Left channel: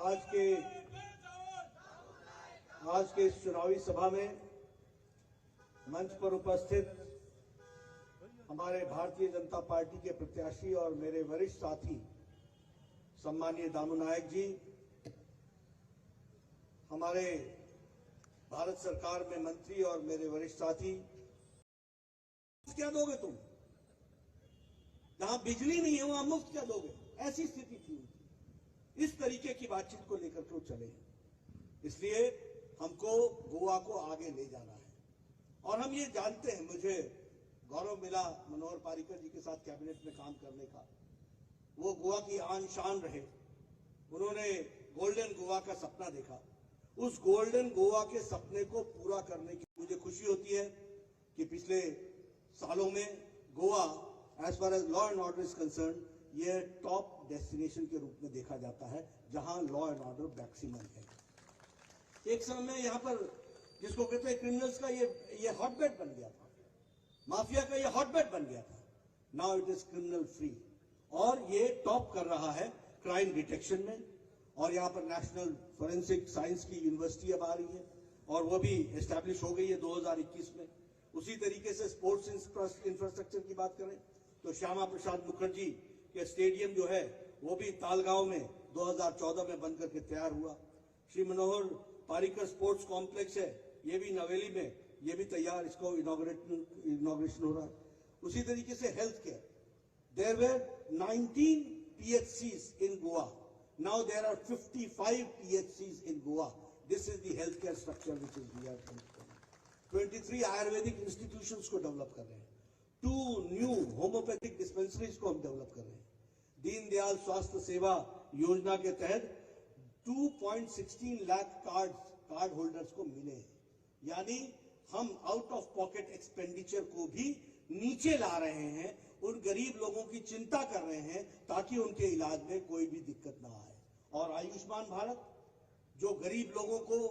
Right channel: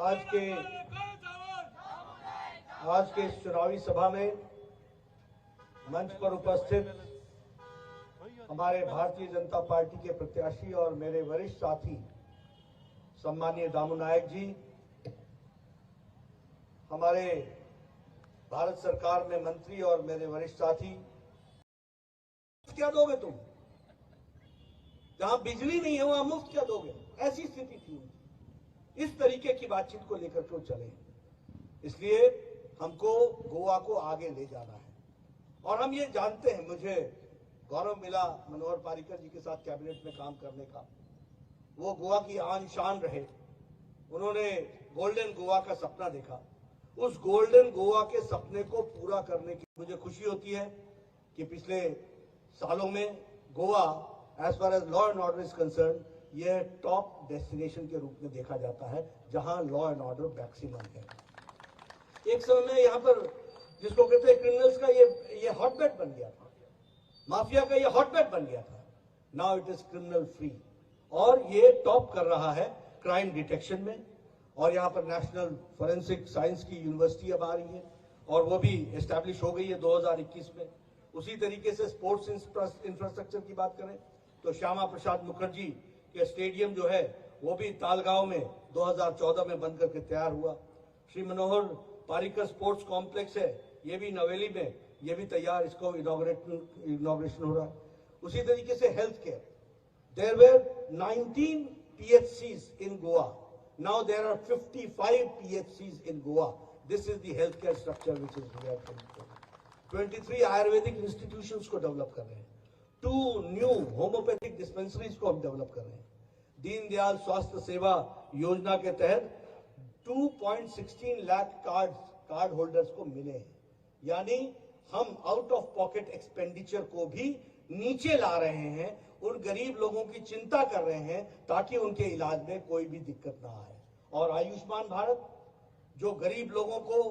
आज के इस चुनावी सभा में मंच पर उपस्थित हमारे भारतीय जनता पार्टी के प्रत्याशी और मेरे वरिष्ठ साथी सम्मानीय दामू नायक जी, हमारे भारत सरकार में मंत्री और मेरे वरिष्ठ साथी, क्या दोगे तुम? जहां बिजली नहीं है वहां मुफ्त क्या दोगे? ऐसी स्थिति थी उनकी। इस तरीके की बातचीत को लेकर के चले, इसलिए हमको गोवा को आगे ले जाना है। और हम ये जानते हैं, मुझे गौरव मिला मनोहर पारिकर जी के साथ कैबिनेट में काम करने का। वो गोवा की आन शान रहे, उन्होंने गोल्डन गोवा का सपना देखा। उस गोल्डन गोवा के सपने को पूरा करने की मुझे खुशी होती है कि पिछले सालों में Goa as far as law and order is concern, यह टॉप डेस्टिनेशन के रूप में देखा जाता है जहां लॉ एंड ऑर्डर मैक्सिमम है। एक समय में यहां पर जिसको कहते हैं क्रिमिनल्स का ये हॉटबेड बन गया था, माफिया का ये हॉटबेड बन गया था। Now it is criminal free और ये टॉप कर रहा है क्राइम डिटेक्शन में। और यहाँ पर नेशनल फोरेंसिक साइंस की यूनिवर्सिटी अब आ रही है और वो भी एस्टैब्लिश हो गई है 2021 में। उसी तरीके से स्पोर्ट्स इंफ्रास्ट्रक्चर की बात करें तो श्यामा प्रसाद मुखर्जी के स्टेडियम जो है वो भी तालगांव में 2014 में बन करके तैयार हुआ। श्री मनोहर पारिकर स्पोर्ट्स कॉम्प्लेक्स है, ये भी नवेली में, ये भी तैयार, इसको इनॉग्रेशन हो रहा है। उसी तरीके से health care, there were 19 PHCs in Goa. Now there are 55 PHCs in Goa. This is the healthcare structure which is here. 23 Ayurvedic institutions को डेवलप कर रहे हैं, 2 न्यू होम्योपैथिक डिस्पेंसरीज को हम डेवलप कर रहे हैं। दीनदयाल स्वास्थ्य सेवा योजना के तहत 2.16 लाख कार्ड होल्डर्स को मिले हैं। यानी हम आउट ऑफ पॉकेट एक्सपेंडिचर को भी नीचे ला रहे हैं, उन गरीब लोगों की चिंता कर रहे हैं ताकि उनके इलाज में कोई भी दिक्कत ना आए। और आयुष्मान भारत जो गरीब लोगों को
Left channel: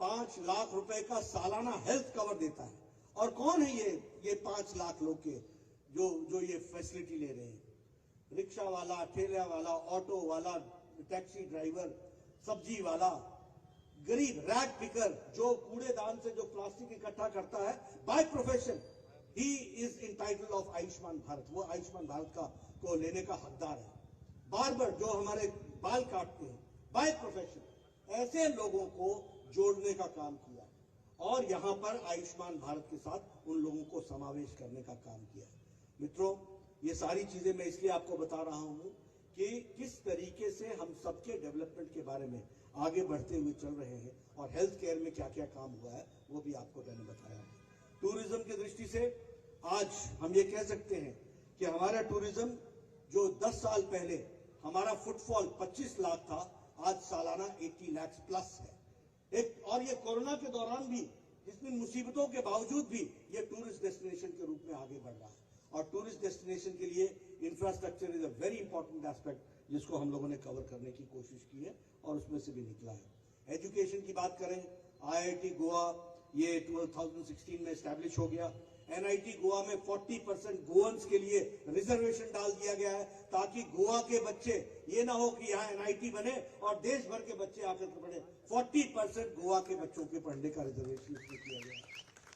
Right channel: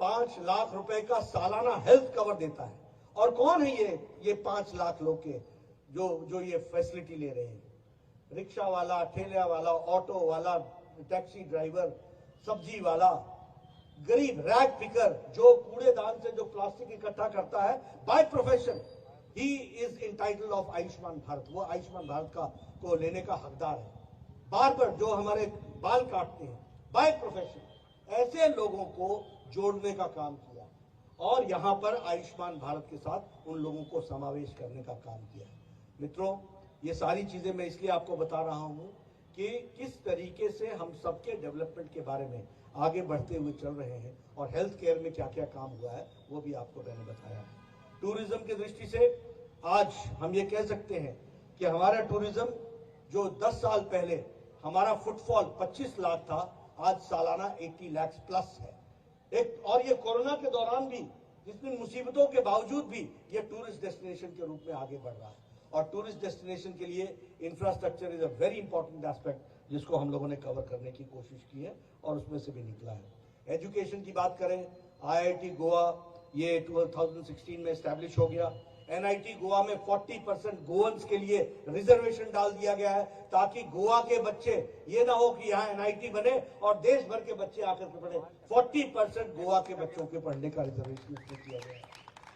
5 लाख रुपए का सालाना हेल्थ कवर देता है। और कौन है ये 5 लाख लोग के जो ये फैसिलिटी ले रहे हैं? रिक्शा वाला, ठेला वाला, ऑटो वाला, टैक्सी ड्राइवर, सब्जी वाला, गरीब रैग पिकर जो कूड़ेदान से जो प्लास्टिक इकट्ठा करता है, by profession he is entitled of Ayushman Bharat. वो आयुष्मान भारत को लेने का हकदार है। बार्बर जो हमारे बाल काटते हैं, बाय प्रोफेशन, ऐसे लोगों को जोड़ने का काम किया और यहां पर आयुष्मान भारत के साथ उन लोगों को समावेश करने का काम किया है। मित्रों, ये सारी चीजें मैं इसलिए आपको बता रहा हूं कि किस तरीके से हम सबके डेवलपमेंट के बारे में आगे बढ़ते हुए चल रहे हैं और हेल्थ केयर में क्या क्या काम हुआ है वो भी आपको मैंने बताया है। टूरिज्म की दृष्टि से आज हम ये कह सकते हैं कि हमारा टूरिज्म जो 10 साल पहले हमारा फुटफॉल 25 लाख था, आज सालाना 80 लाख प्लस है। और ये कोरोना के दौरान भी, जितनी मुसीबतों के बावजूद भी, ये टूरिस्ट डेस्टिनेशन के रूप में आगे बढ़ रहा है। और टूरिस्ट डेस्टिनेशन के लिए infrastructure is a very important aspect जिसको हम लोगों ने कवर करने की कोशिश की है और उसमें से भी निकला है। एजुकेशन की बात करें, IIT गोवा ये 2016 में एस्टैब्लिश हो गया। NIT गोवा में 40% गोवंस के लिए रिजर्वेशन डाल दिया गया है ताकि गोवा के बच्चे, ये ना हो कि यहाँ NIT बने और देश भर के बच्चे आकर के पढ़े। 40% गोवा के बच्चों के पढ़ने का रिजर्वेशन किया गया है।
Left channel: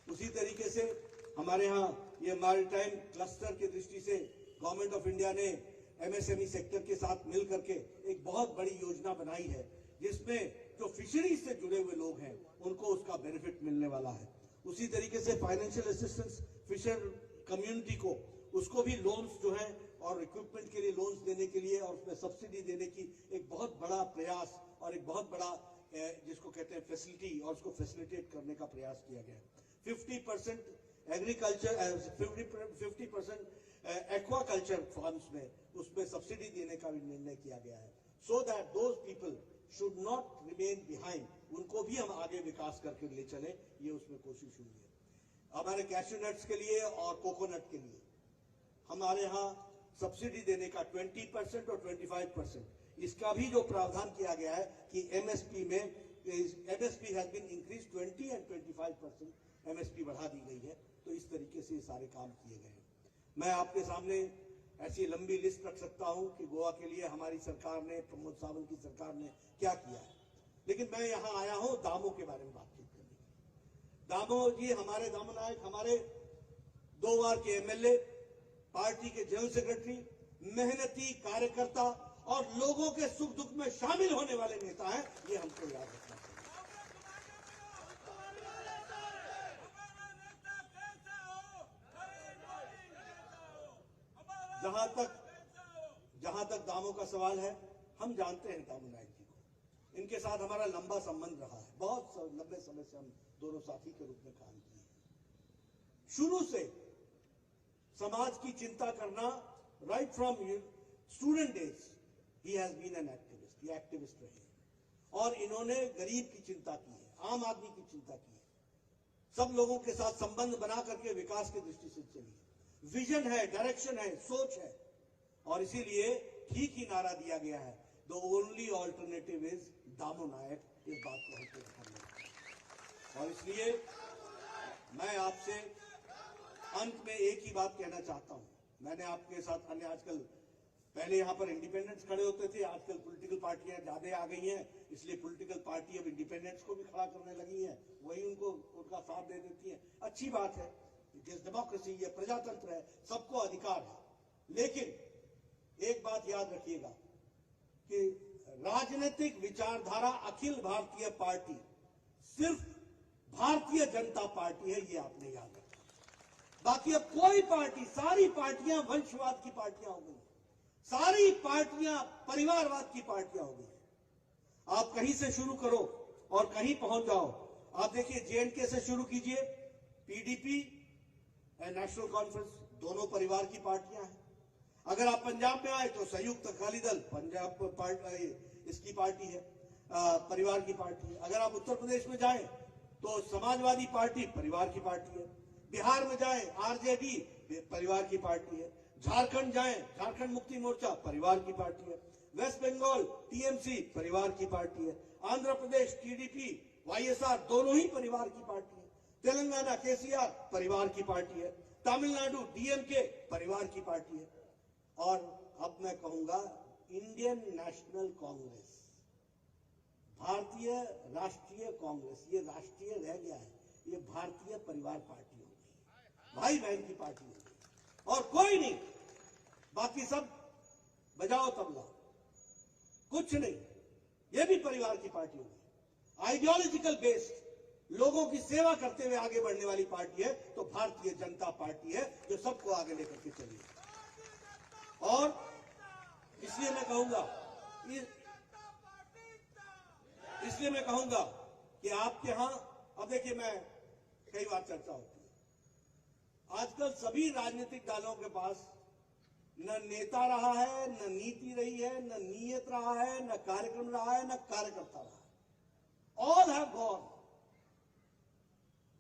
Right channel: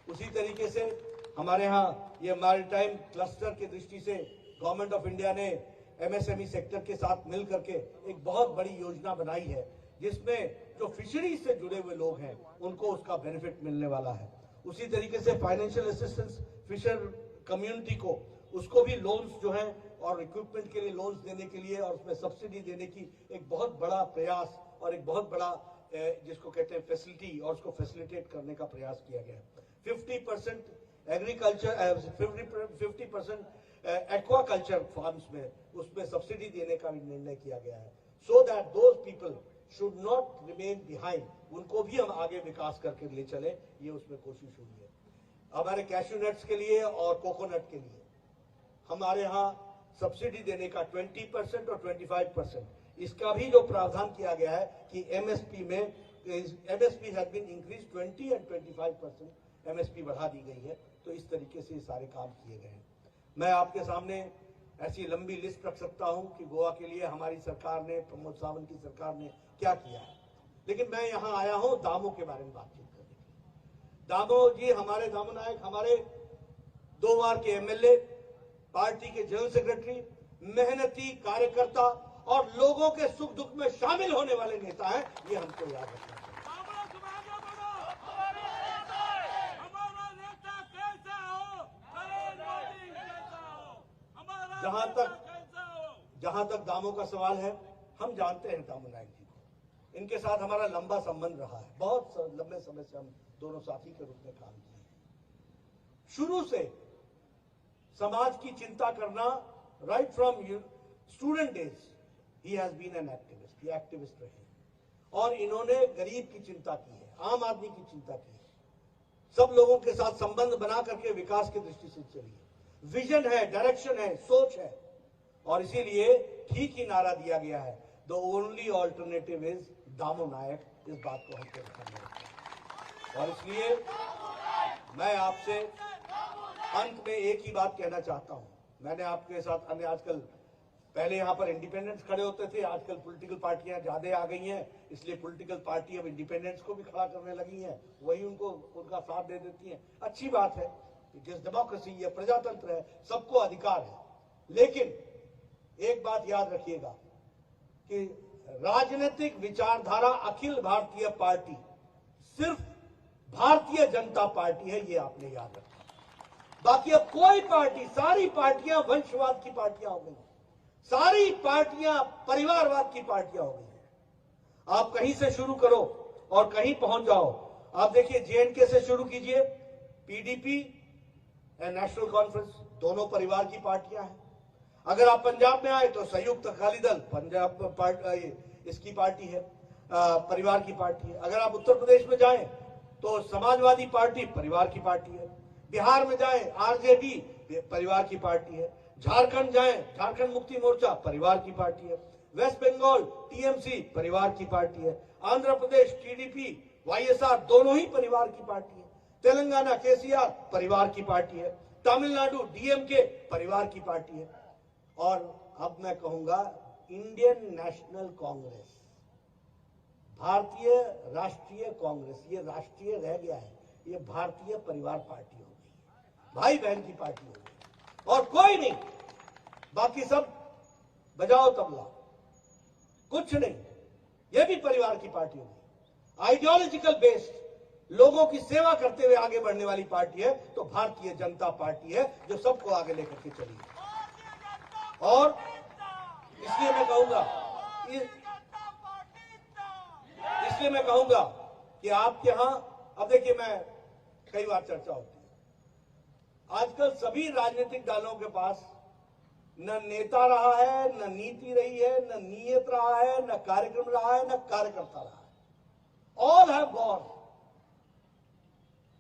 उसी तरीके से हमारे यहाँ ये मैरीटाइम क्लस्टर की दृष्टि से गवर्नमेंट ऑफ इंडिया ने MSME सेक्टर के साथ मिल करके एक बहुत बड़ी योजना बनाई है जिसमें जो फिशरीज से जुड़े हुए लोग हैं उनको उसका बेनिफिट मिलने वाला है। उसी तरीके से फाइनेंशियल असिस्टेंस फिशर कम्युनिटी को, उसको भी लोन्स जो है और इक्विपमेंट के लिए लोन्स देने के लिए और उसमें सब्सिडी देने की एक बहुत बड़ा प्रयास और एक बहुत बड़ा जिसको कहते हैं फैसिलिटी, और उसको फैसिलिटेट करने का प्रयास किया गया है। 50% एग्रीकल्चर, 50% एक्वाकल्चर फार्म्स में उसमें सब्सिडी देने का भी निर्णय किया गया है, so that those people should not remain behind, उनको भी हम आगे विकास करके ले चले, ये उसमें कोशिश हुई है। हमारे कैश्यू नट्स के लिए और कोकोनट के लिए हमारे यहाँ सब्सिडी देने का 20% और 25%, इसका भी जो प्रावधान किया गया है कि MSP में MSP has been increase 20 and 25% MSP बढ़ा दी गई है। तो इस तरीके से सारे काम किए गए हैं। मैं आपके सामने ऐसी लंबी लिस्ट रख सकता हूं कि गोवा के लिए हमारी सरकार ने, प्रमोद सावंत की सरकार ने क्या किया है। लेकिन मैं यहां आया हूं दामो के बारे में बातचीत करने के लिए। दामो जी, हमारे दामो नायक हमारे 2 बार के एमएलए, पार्टी के जनरल सेक्रेटरी, मेहनती कार्यकर्ता और लोगों के सुख दुख में शामिल होने वाले नेता हैं। ये हमको याद रखना चाहिए। जहां तक दामो का सवाल है, हम जानते हैं दामो नायक जी को। इनके साथ हमारा लंबा संबंध रहा है। बहुत लंबे समय से हम दोनों साथी के रूप में काम किए हैं। शुरू से समाज की चिंता करना, राइट फ्रॉम स्टूडेंट डेज ही हैज बीन एन एक्टिविस्ट। ये एक्टिविस्ट रहे हैं और इन्होंने गरीब की चिंता की है, आम आदमी की चिंता की है, सब लोगों के साथ संबंध बना करके विकास की दृष्टि से चली है। विजन है, डायरेक्शन है, सोच है, और इसीलिए ठीक ही नारा दिया गया है, द ओनली ऑल्टरनेटिव इज दामो नायक। इस बात को हमको रखना है। और इसलिए मैं आपसे अंत में एक ही बात कहना चाहता हूं। मैंने आपके साथ आजकल, पहले यहां पर इंडिपेंडेंट्स खड़े होते थे, आजकल पॉलिटिकल पार्टियां ज्यादा आ गई हैं, इसलिए पॉलिटिकल पार्टी अब इंडिपेंडेंट्स को भी खड़ा करने लगी हैं, वही उनका साथ दे देती हैं। अच्छी बात है, डेमोक्रेसी, ये प्रजातंत्र है, सबको अधिकार है। लेकिन एक बात याद रखिएगा कि राजनीतिक विचारधारा अखिल भारतीय पार्टी सिर्फ भारतीय जनता पार्टी है, ये आपने याद रखा। बाकी अब कोई पार्टी, सारी पार्टियां वंशवाद की पार्टियां हो गई, सारी पार्टियां परिवारवाद की पार्टियां हो गई। आप कहीं से शुरू करो और कहीं पहुंच जाओ। आप देखिए, जेएनके से शुरू कीजिए, पीडीपी एंड नेशनल कॉन्फ्रेंस दोनों परिवार की पार्टियां हैं। अगर आप पंजाब में आए तो संयुक्त अकाली दल पंजाब इसकी पार्टी है, परिवार की पार्टी है। अगर आप उत्तर प्रदेश में जाएं तो समाजवादी पार्टी परिवार की पार्टी है। बिहार में जाएं आरजेडी परिवार की पार्टी है। झारखंड जाएं, झारखंड मुक्ति मोर्चा परिवार की पार्टी है। वेस्ट बंगाल टीएमसी परिवार की पार्टी है। आंध्र प्रदेश टीडीपी, वाईएसआर दोनों ही परिवार की पार्टी है। तेलंगाना केसीआर परिवार की पार्टी है। तमिलनाडु डीएमके परिवार की पार्टी है। और अब मैं कहूंगा इंडियन नेशनल कांग्रेस, भारतीय राष्ट्रीय कांग्रेस, ये राष्ट्रीय रह गया है, ये भारतीय परिवार पार्टी हो गई, भाई बहन की पार्टी हो गई, और कोई नहीं, बाकी सब बजाओ तबला, कुछ नहीं, ये भी परिवार की पार्टी हो गई। आइडियोलॉजिकल बेस्ड, लोगों की सेवा करते हुए आगे बढ़ने वाली पार्टी है तो भारतीय जनता पार्टी है, जो सबको आगे लेकर के चली है। और इसलिए मैं कहूंगा कि आपके यहां, अब देखिए, मैं कई बार चर्चा होती है, आजकल सभी राजनीतिक दलों के पास न नेता रहा है, न नीति रही है, न नीयत रहा है, न कार्यक्रम रहा है, न कार्यकर्ता रहा है। All have gone.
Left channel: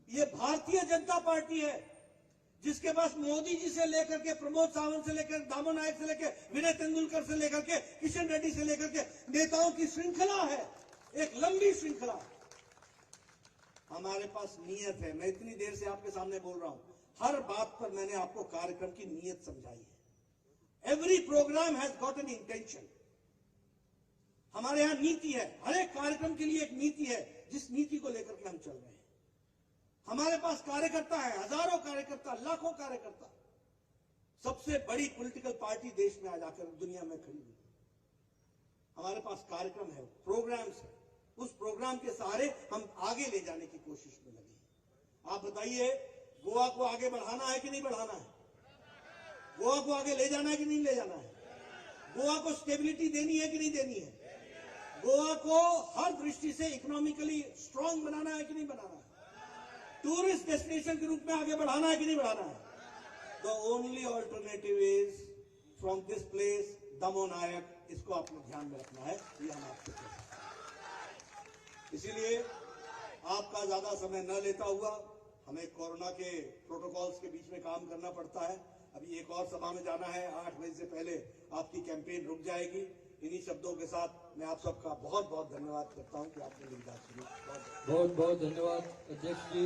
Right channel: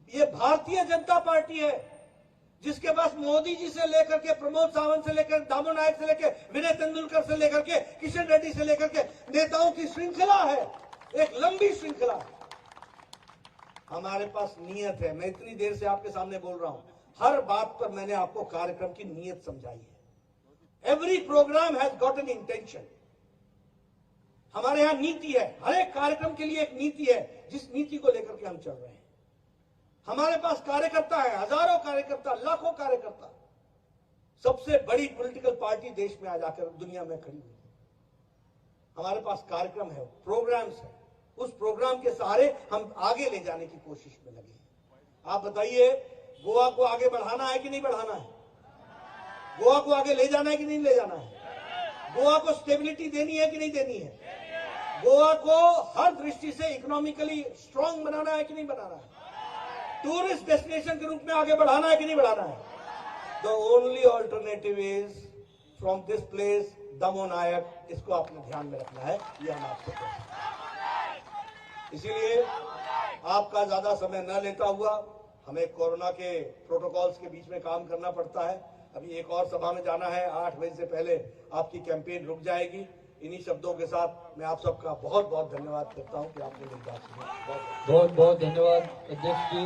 ये भारतीय जनता पार्टी है जिसके पास मोदी जी से लेकर के, प्रमोद सावंत से लेकर, दामो नायक से लेकर, विनय तेंदुलकर से लेकर के, किशन रेड्डी से लेकर के नेताओं की श्रृंखला है, एक लंबी श्रृंखला है। हमारे पास नीयत है। मैं इतनी देर से आपके सामने बोल रहा हूं, हर बात पर मैंने आपको कार्यक्रम की नीयत समझाई है। Every programme has got an intention. हमारे यहां नीति है, हर एक कार्यक्रम के लिए एक नीति है, जिस नीति को लेकर के हम चल रहे हैं। हमारे पास कार्यकर्ता है, हजारों कार्यकर्ता, लाखों कार्यकर्ता। सबसे बड़ी पॉलिटिकल पार्टी देश में आ जाकर दुनिया में खड़ी हुई। हमारे पास कार्यक्रम है, प्रोग्राम्स है, उस प्रोग्राम के सहारे हम आगे ले जाने की कोशिश में लगे हैं। आप बताइए, गोवा को आगे बढ़ाना है कि नहीं बढ़ाना है? गोवा को आगे ले जाना है कि नहीं ले जाना है? गोवा को स्टेबिलिटी देनी है कि नहीं देनी है? गोवा को हर दृष्टि से इकोनॉमिकली स्ट्रांग बनाना है कि नहीं बनाना है? टूरिस्ट डेस्टिनेशन के रूप में आगे बढ़ाना है कि नहीं बढ़ाना है? The only alternative is from this place दामो नायक। इसको आपने ध्यान में रखना है, ये हम आपको कहते हैं। इसीलिए आपका ज्यादा समय न लेता हुआ, हमें कोरोना के प्रोटोकॉल्स के बीच में काम करना पड़ता है। अभी एक और सभा में जाना है, 8 बजे से पहले आपकी कैंपेन रुक जाएगी। इन्हीं शब्दों के साथ मैं आप सबका बहुत बहुत धन्यवाद करता हूं कि आपने मेरी बात सुनी। बहुत बहुत धन्यवाद अध्यक्ष जी।